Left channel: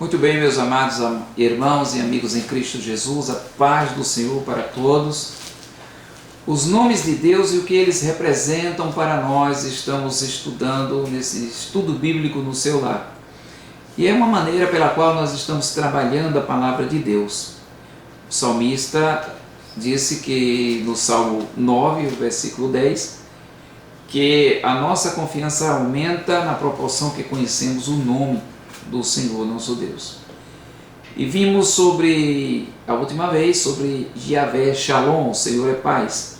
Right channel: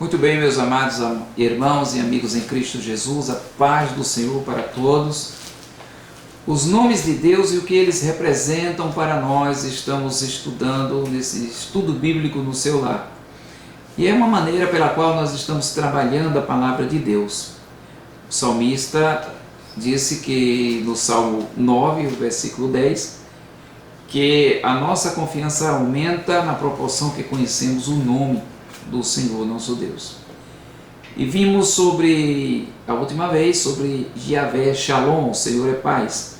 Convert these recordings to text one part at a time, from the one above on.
Muito bem, meus amados irmãos e amigos em Cristo Jesus, a paz do Senhor para todos. Os nomes de Deus e o que eles representam para nós, estamos estudando nesse estudo bíblico no seu lar. E é uma maneira pela qual nós estamos trabalhando a palavra de Deus. O salmista disse que no Salmo 9, versículo 10, que a nossa confiança aumenta na proporção que conhecemos o nome do Senhor nosso Deus. E vimos a última vez, sobre Yahvé Shalom, o Senhor é paz.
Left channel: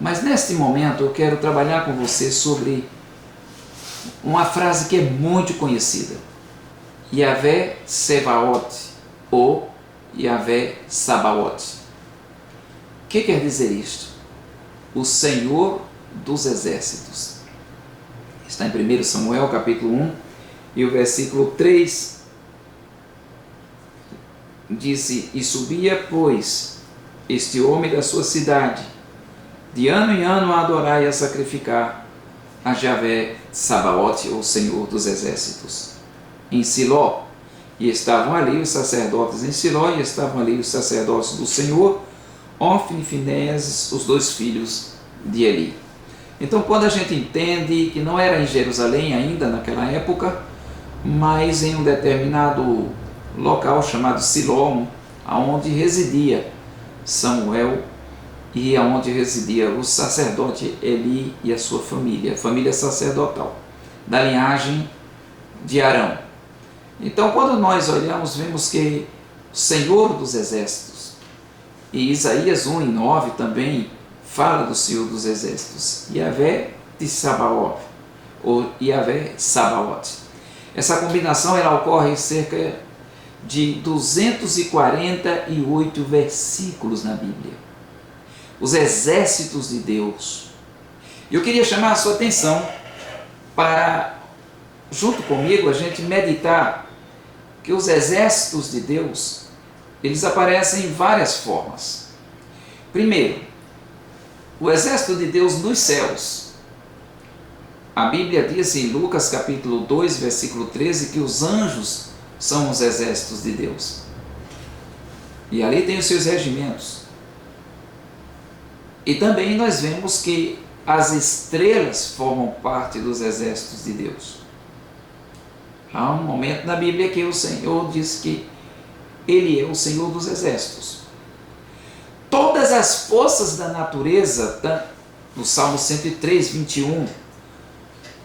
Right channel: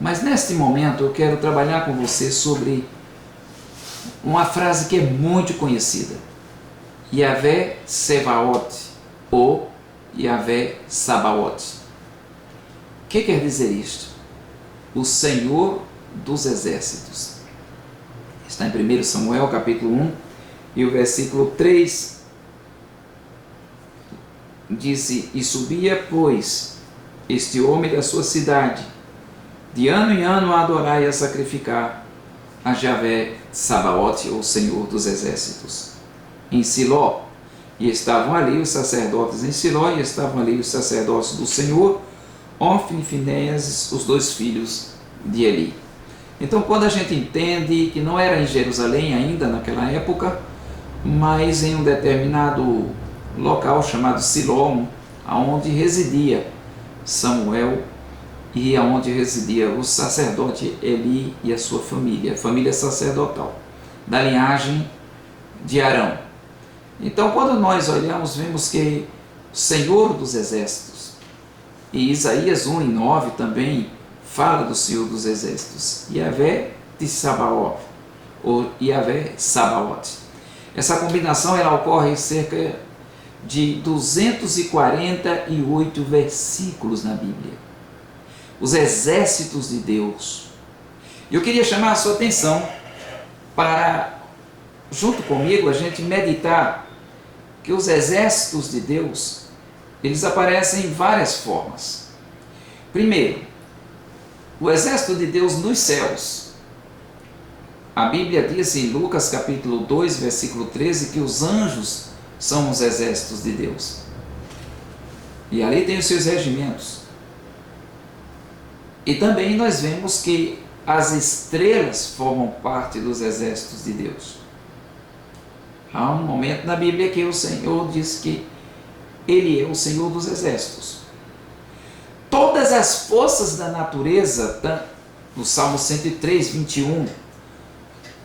Mas neste momento eu quero trabalhar com você sobre uma frase que é muito conhecida. Yahvé Sebaot, ou Yahvé Sabaoth. O que quer dizer isto? O Senhor dos Exércitos. Está em 1 Samuel capítulo 1, e o versículo 3 disse: E subia, pois, este homem da sua cidade, de ano em ano a adorar e a sacrificar a Yahvé Sabaoth, ou Senhor dos Exércitos, em Siló. E estavam ali os sacerdotes em Siló, e estavam ali os sacerdotes do Senhor, Ofni e Finéias, os dois filhos de Eli. Então, quando a gente entende que não era em Jerusalém ainda naquela época, mas em um determinado local chamado Siló, aonde residia Samuel e aonde residia o sacerdote Eli e a sua família, a família sacerdotal, da linhagem de Arão. Então, quando nós olhamos, vemos que o Senhor dos Exércitos, e Isaías 1:9 também fala do Senhor dos Exércitos, Yahvé de Sabaoth, ou Yahvé Sabaoth. Essa combinação ela ocorre em cerca de 248 versículos na Bíblia. Os exércitos de Deus. E eu queria chamar a sua atenção para, junto comigo, a gente meditar que os exércitos de Deus, eles aparecem em várias formas. Primeiro, o exército de Deus nos céus. A Bíblia diz em Lucas capítulo 2, versículo 13, que os anjos são os exércitos de Deus. E ali tem os seus regimentos. E também nós vemos que as estrelas formam parte dos exércitos de Deus. Há um momento na Bíblia que o Senhor diz que Ele é o Senhor dos exércitos. Todas as forças da natureza, no Salmo 103, 21,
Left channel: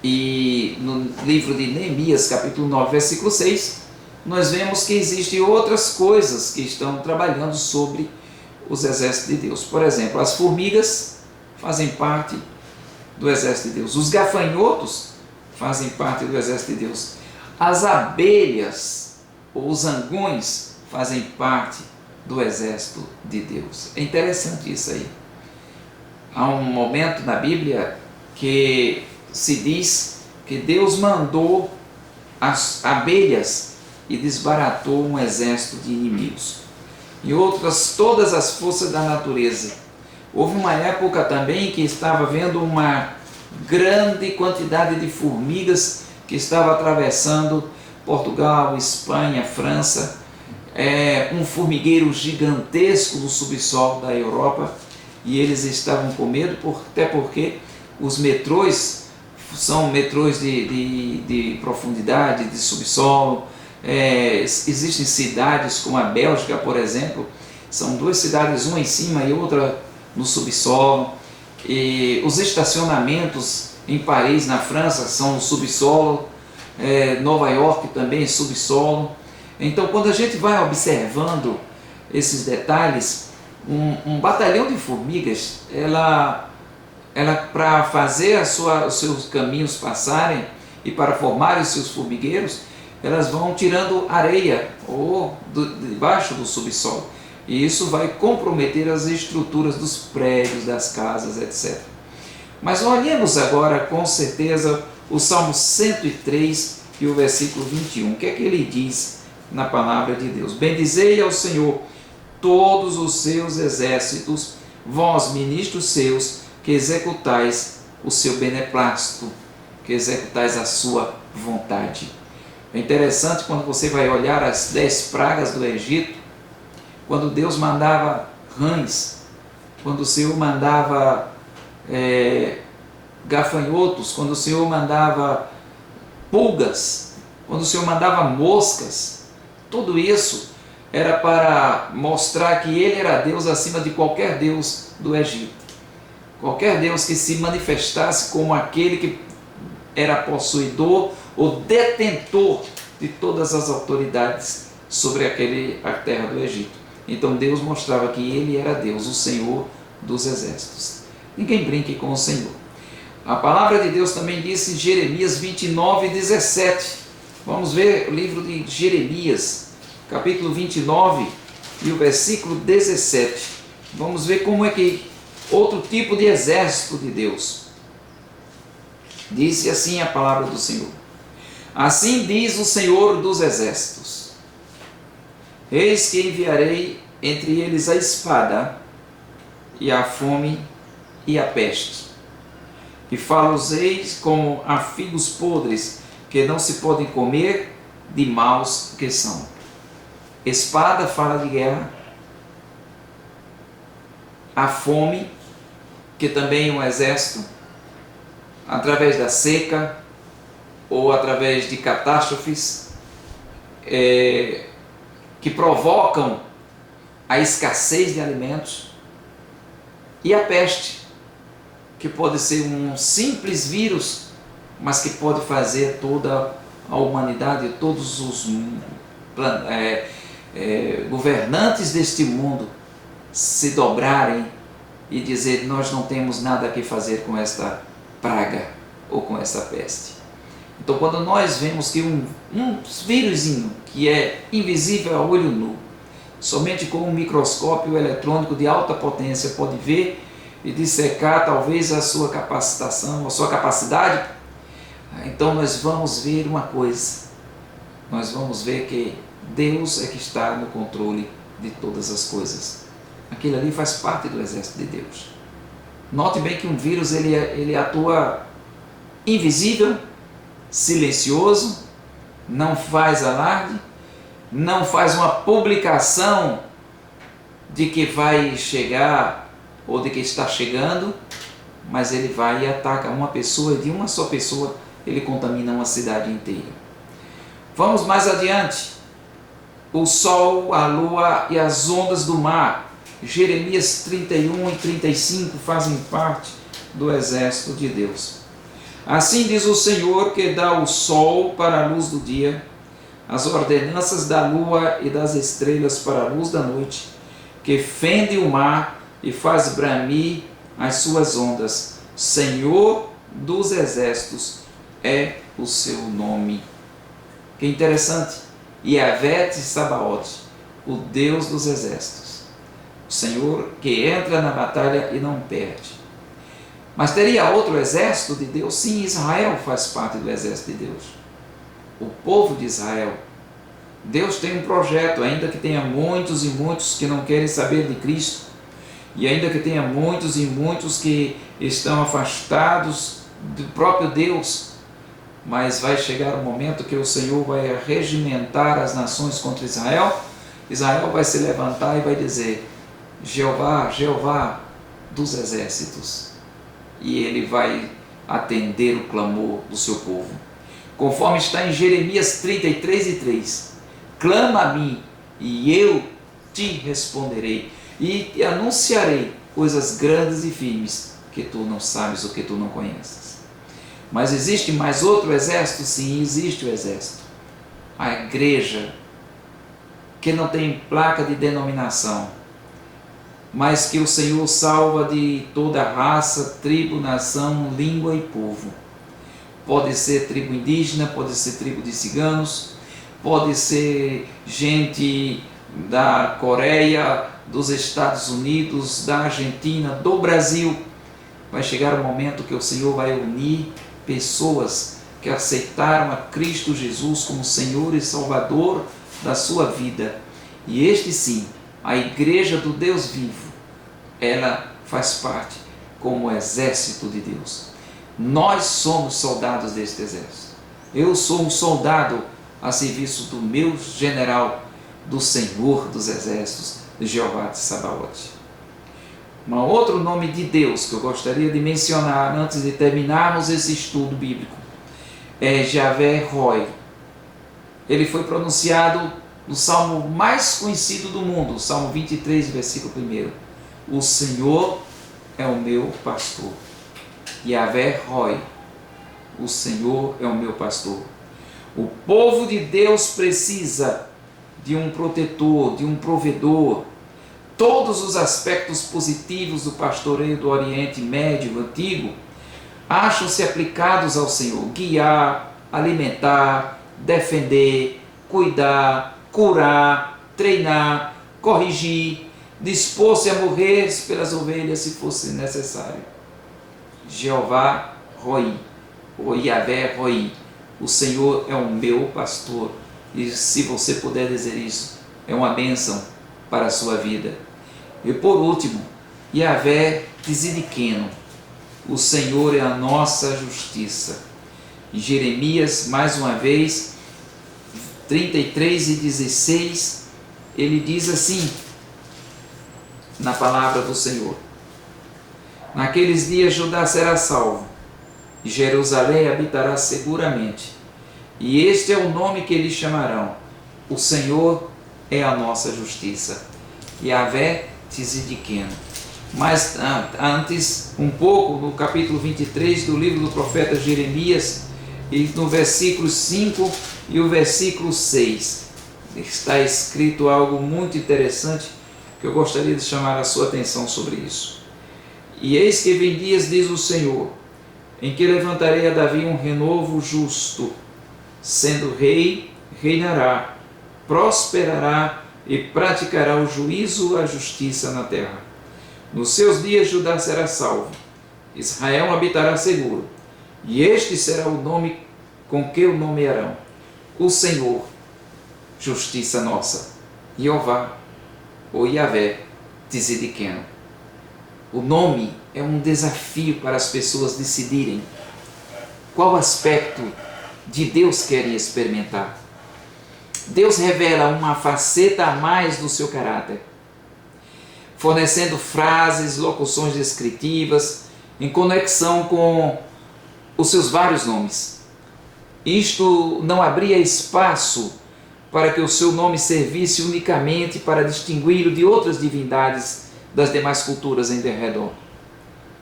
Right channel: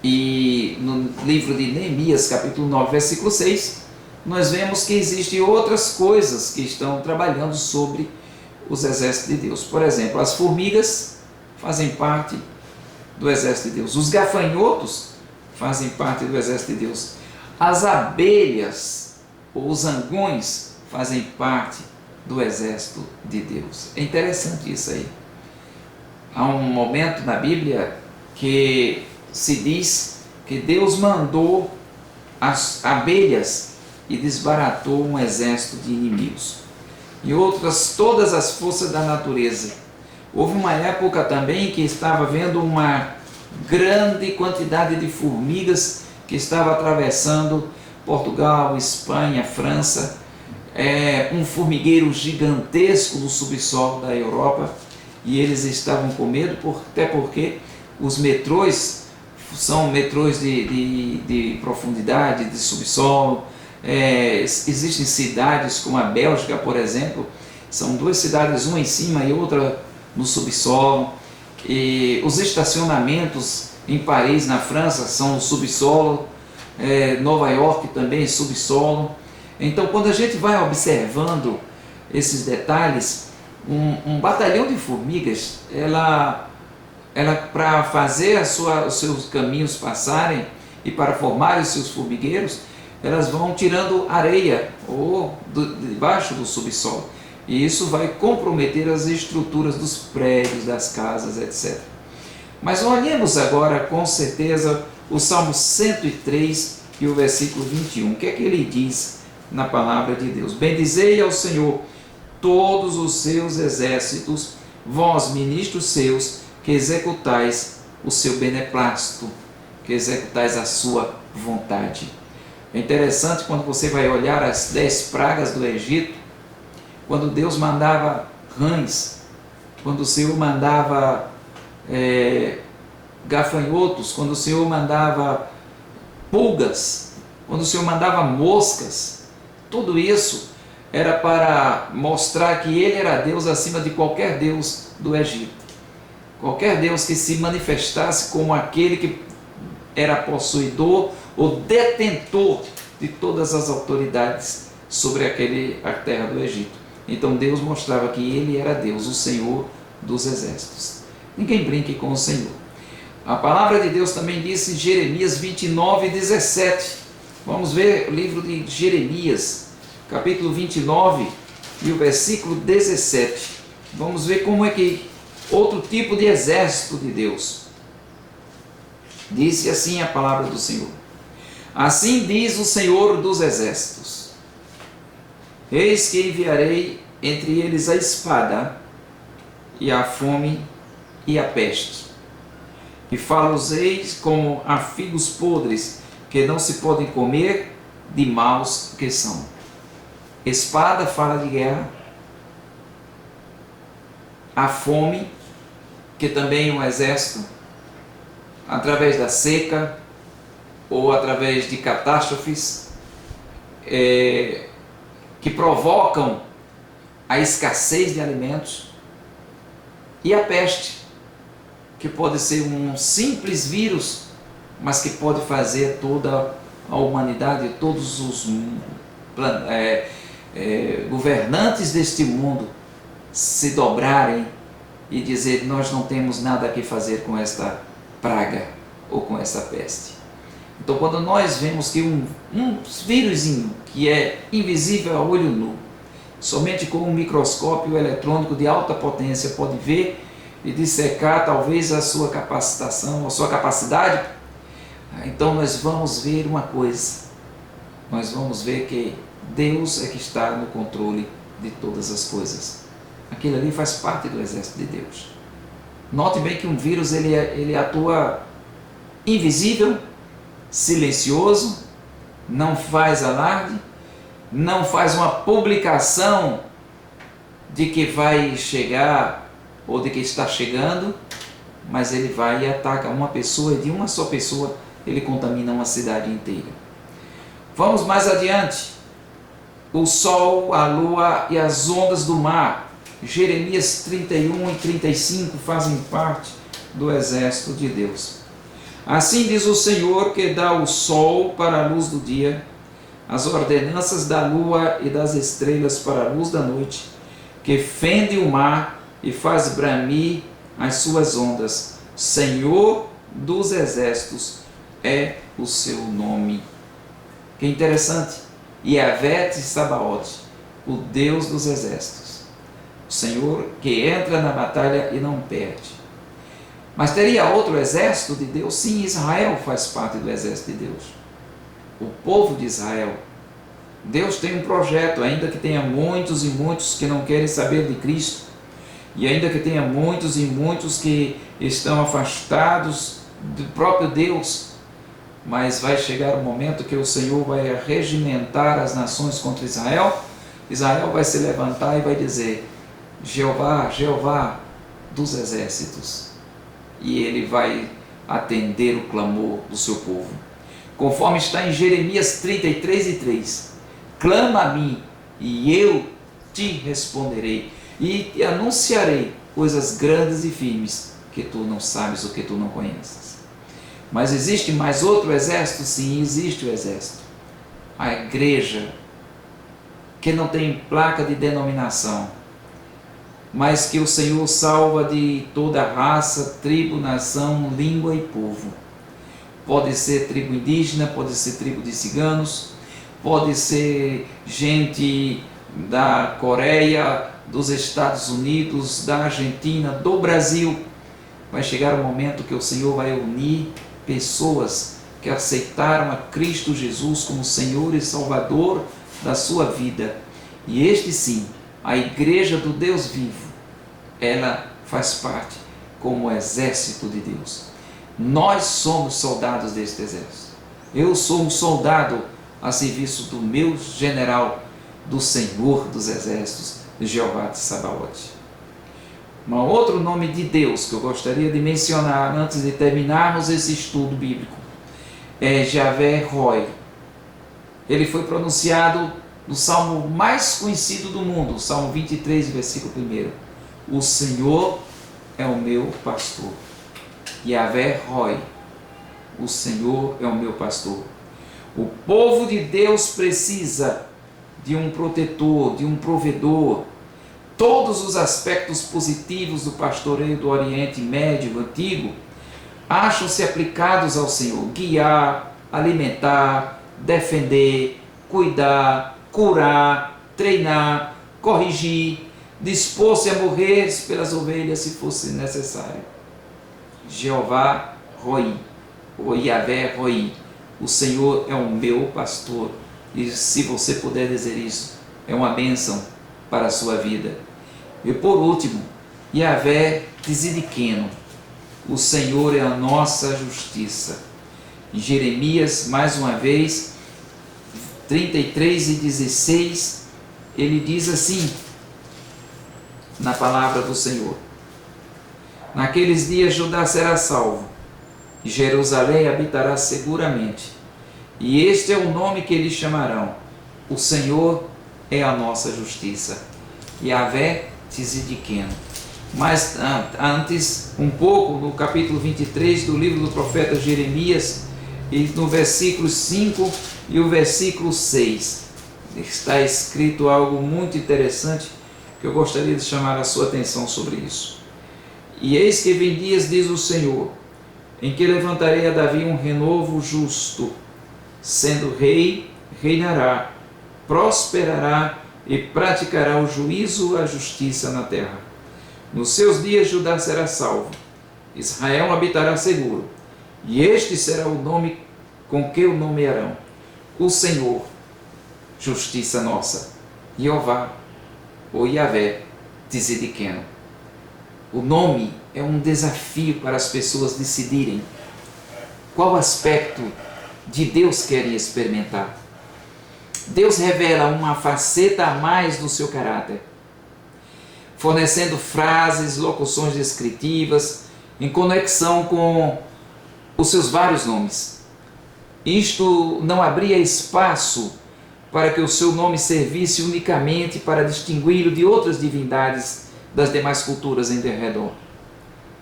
e no livro de Neemias, capítulo 9, versículo 6, nós vemos que existem outras coisas que estão trabalhando sobre os exércitos de Deus. Por exemplo, as formigas fazem parte do exército de Deus. Os gafanhotos fazem parte do exército de Deus. As abelhas ou os zangões fazem parte do exército de Deus. É interessante isso aí. Há um momento na Bíblia que se diz que Deus mandou as abelhas e desbaratou um exército de inimigos. E outras, todas as forças da natureza. Houve uma época também que estava havendo uma grande quantidade de formigas que estava atravessando Portugal, Espanha, França, um formigueiro gigantesco no subsolo da Europa, e eles estavam com medo, até porque os metrôs são metrôs de profundidade, de subsolo. Existem cidades como a Bélgica, por exemplo, são duas cidades, uma em cima e outra no subsolo. E os estacionamentos em Paris, na França, são no subsolo. Nova York também, subsolo. Então, quando a gente vai observando esses detalhes, um batalhão de formigas, ela para fazer os seus caminhos passarem e para formar os seus formigueiros, elas vão tirando areia ou debaixo do subsolo. E isso vai comprometer as estruturas dos prédios, das casas, etc. Mas olhemos agora com certeza o Salmo 103 e o versículo 21. O que é que ele diz na palavra de Deus? Bendizei ao Senhor todos os seus exércitos, vós ministros seus, que executais o seu beneplácito, que executais a sua vontade. É interessante quando você vai olhar as 10 pragas do Egito, quando Deus mandava rãs, quando o Senhor mandava gafanhotos, quando o Senhor mandava pulgas, quando o Senhor mandava moscas, tudo isso era para mostrar que Ele era Deus acima de qualquer Deus do Egito. Qualquer Deus que se manifestasse como aquele que era possuidor ou detentor de todas as autoridades sobre a terra do Egito. Então Deus mostrava que Ele era Deus, o Senhor dos exércitos. Ninguém brinque com o Senhor. A palavra de Deus também diz em Jeremias 29, 17. Vamos ver o livro de Jeremias, capítulo 29 e o versículo 17. Vamos ver como é que outro tipo de exército de Deus. Disse assim a palavra do Senhor: assim diz o Senhor dos exércitos: eis que enviarei entre eles a espada e a fome e a peste, e falo-os-eis como a figos podres que não se podem comer, de maus que são. Espada fala de guerra, a fome, que também é um exército, através da seca ou através de catástrofes que provocam a escassez de alimentos, e a peste, que pode ser um simples vírus, mas que pode fazer toda a humanidade, todos os governantes deste mundo se dobrarem e dizer: nós não temos nada a fazer com esta praga ou com essa peste. Então, quando nós vemos que um vírusinho que é invisível a olho nu, somente com um microscópio eletrônico de alta potência pode ver e dissecar talvez a sua capacitação, a sua capacidade, então nós vamos ver uma coisa, nós vamos ver que Deus é que está no controle de todas as coisas. Aquilo ali faz parte do exército de Deus. Note bem que um vírus ele atua invisível, silencioso, não faz alarde, não faz uma publicação de que vai chegar ou de que está chegando, mas ele vai e ataca uma pessoa, e de uma só pessoa ele contamina uma cidade inteira. Vamos mais adiante. O sol, a lua e as ondas do mar. Jeremias 31 e 35 fazem parte do exército de Deus. Assim diz o Senhor, que dá o sol para a luz do dia, as ordenanças da lua e das estrelas para a luz da noite, que fende o mar e faz bramir as suas ondas. Senhor dos exércitos é o seu nome. Que interessante. Yahvé Sabaoth, o Deus dos exércitos. O Senhor que entra na batalha e não perde. Mas teria outro exército de Deus? Sim, Israel faz parte do exército de Deus. O povo de Israel. Deus tem um projeto, ainda que tenha muitos e muitos que não querem saber de Cristo, e ainda que tenha muitos e muitos que estão afastados do próprio Deus, mas vai chegar um momento que o Senhor vai regimentar as nações contra Israel. Israel vai se levantar e vai dizer: Jeová, Jeová dos exércitos, e ele vai atender o clamor do seu povo, conforme está em Jeremias 33 e 3. Clama a mim e eu te responderei e te anunciarei coisas grandes e firmes que tu não sabes ou que tu não conheces. Mas existe mais outro exército? Sim, existe o exército. A igreja, que não tem placa de denominação, mas que o Senhor salva de toda raça, tribo, nação, língua e povo. Pode ser tribo indígena, pode ser tribo de ciganos, pode ser gente da Coreia, dos Estados Unidos, da Argentina, do Brasil. Vai chegar o momento que o Senhor vai unir pessoas que aceitaram a Cristo Jesus como Senhor e Salvador da sua vida. E este sim, a igreja do Deus vivo, ela faz parte como exército de Deus. Nós somos soldados deste exército. Eu sou um soldado a serviço do meu general, do Senhor dos Exércitos, Jeová de Sabaote. Um outro nome de Deus que eu gostaria de mencionar antes de terminarmos esse estudo bíblico é Javé Roi. Ele foi pronunciado no salmo mais conhecido do mundo, Salmo 23, versículo 1. O Senhor é o meu pastor. Javé Roi. O Senhor é o meu pastor. O povo de Deus precisa de um protetor, de um provedor. Todos os aspectos positivos do pastoreio do Oriente Médio Antigo acham-se aplicados ao Senhor: guiar, alimentar, defender, cuidar, curar, treinar, corrigir, dispor-se a morrer pelas ovelhas se fosse necessário. Jeová Roi, ou Javé Roi, o Senhor é o meu pastor. E se você puder dizer isso, é uma bênção para a sua vida. E por último, Javé Tzidkenu, o Senhor é a nossa justiça. Em Jeremias, mais uma vez, 33:16, ele diz assim, na palavra do Senhor: naqueles dias Judá será salvo, e Jerusalém habitará seguramente, e este é o nome que eles chamarão: o Senhor é a nossa justiça. Javé Tzidkenu. Mas antes, um pouco, no capítulo 23 do livro do profeta Jeremias, e no versículo 5 e o versículo 6, está escrito algo muito interessante que eu gostaria de chamar a sua atenção sobre isso. E eis que vem dias, diz o Senhor, em que levantarei a Davi um renovo justo, sendo rei, reinará, prosperará e praticará o juízo e a justiça na terra. Nos seus dias Judá será salvo, Israel habitará seguro, e este será o nome com que o nomearão: o Senhor, justiça nossa, Jeová, ou Javé Tzidkenu. O nome é um desafio para as pessoas decidirem qual aspecto de Deus querem experimentar. Deus revela uma faceta a mais do seu caráter, fornecendo frases, locuções descritivas em conexão com os seus vários nomes. Isto não abria espaço para que o seu nome servisse unicamente para distingui-lo de outras divindades das demais culturas em derredor.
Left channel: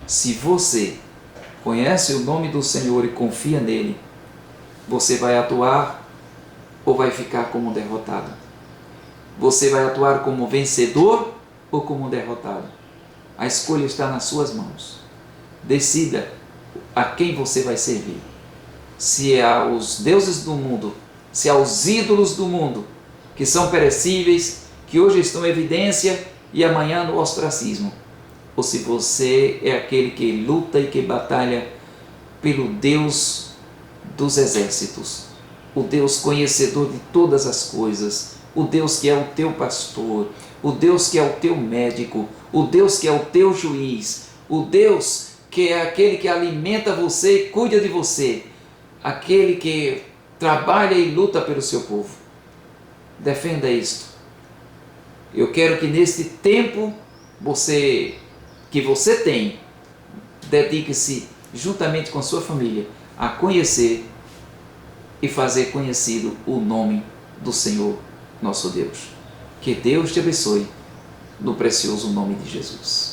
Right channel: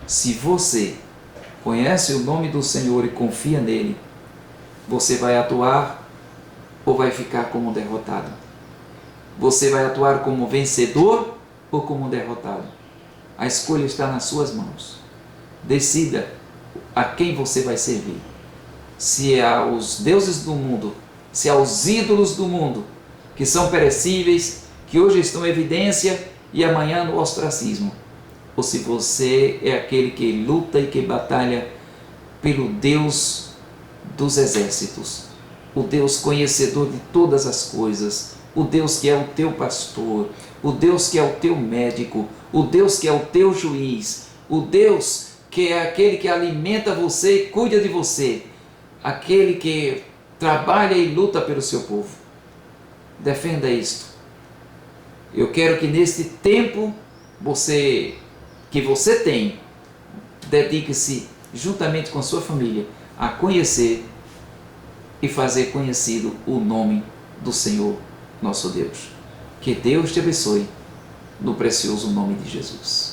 Se você conhece o nome do Senhor e confia nele, você vai atuar ou vai ficar como derrotado? Você vai atuar como vencedor ou como derrotado? A escolha está nas suas mãos. Decida a quem você vai servir. Se é aos deuses do mundo, se é aos ídolos do mundo, que são perecíveis, que hoje estão em evidência e amanhã no ostracismo, ou se você é aquele que luta e que batalha pelo Deus dos exércitos, o Deus conhecedor de todas as coisas, o Deus que é o teu pastor, o Deus que é o teu médico, o Deus que é o teu juiz, o Deus que é aquele que alimenta você e cuida de você, aquele que trabalha e luta pelo seu povo. Defenda isto. Eu quero que neste tempo que você tem, dedique-se juntamente com a sua família a conhecer e fazer conhecido o nome do Senhor nosso Deus. Que Deus te abençoe no precioso nome de Jesus.